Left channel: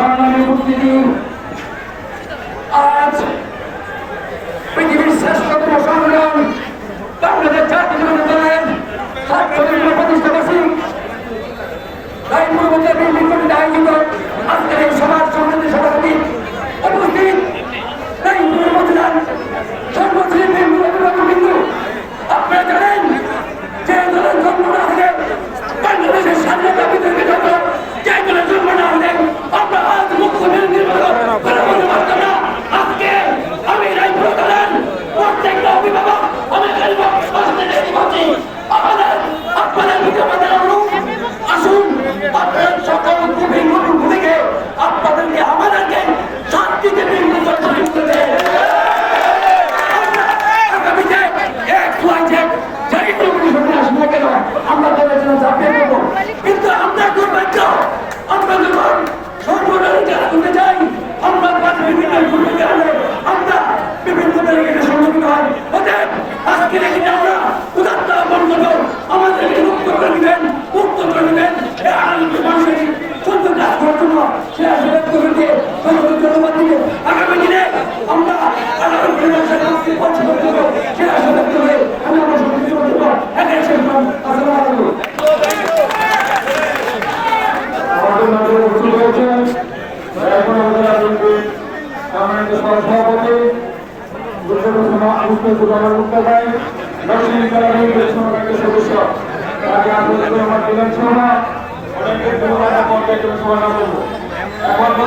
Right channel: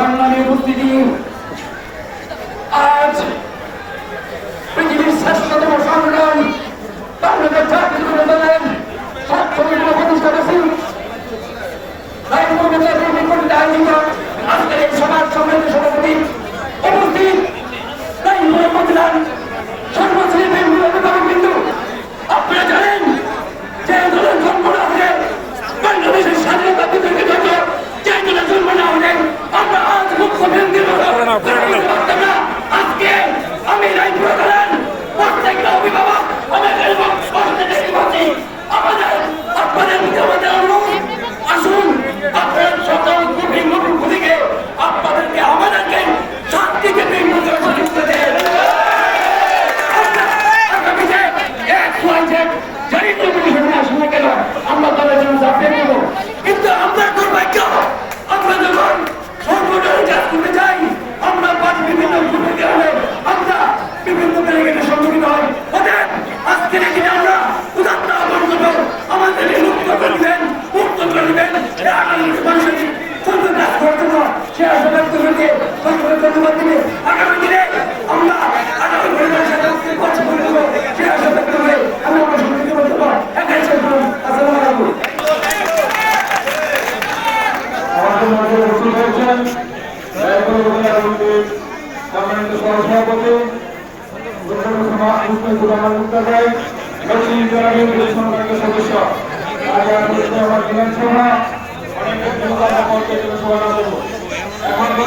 সংগ্রামে উপস্থিতি আজ পৃথিবীর শ্রেষ্ঠতম সংগ্রাম বাংলাদেশ জাতীয় দলের ৭০তম প্রতিষ্ঠা বার্ষিক আয়োজিত আজকের এই সমাজ সম্মেলনের সভাপতি উপস্থিত সর্বশ্রেণীর অভিভাবক বিন্দু, আপনারা জানেন যে দলের জন্ম না হলে বাংলাদেশের স্বাধীনতা বিতর্কিত হতো, যে দলের জন্ম না হলে আমরা আজ মুখ্যমন্ত্রী করে বলতে পারতাম না। আজকে আমি রায়পুর দলের প্রত্যেকটা অভিভাবক আমাদের আপনাদের প্রতি আমাদের অনুরোধ, আসুন আপনার সকল ভূমিকে আপনাদেরকে আমাদেরকে শান্তিকে বিন্দু করে সুযোগ দেবে। আমরা দলের জন্য চাপিয়ে দেবো, কিন্তু আমরা দুর্ভাগ্য আমরা যখন সংগঠনের কাজ করতে যাই আমরা বিভিন্ন গ্রুপে গেলে আমরা বিভিন্ন ব্যারিকেডের সম্মুখীন হয়। অতএব আজকের এখানে আমরা উদাত্ত আহ্বান করবো, আমাদেরকে মুক্ত করে দিবেন, মুক্ত করে দিবেন মানুষের সুন্দর কাজ করার জন্য সে আশা ব্যক্ত করে সকলকে ধন্যবাদ দিবে। আগামী দিনে আমরা আগামী পরিবেশের পছন্দ করবো সে আশা ব্যক্ত করে আমি আমার সম্মুখীন করবো। একাই শেষ করলাম। আসসালামু আলাইকুম। সদস্য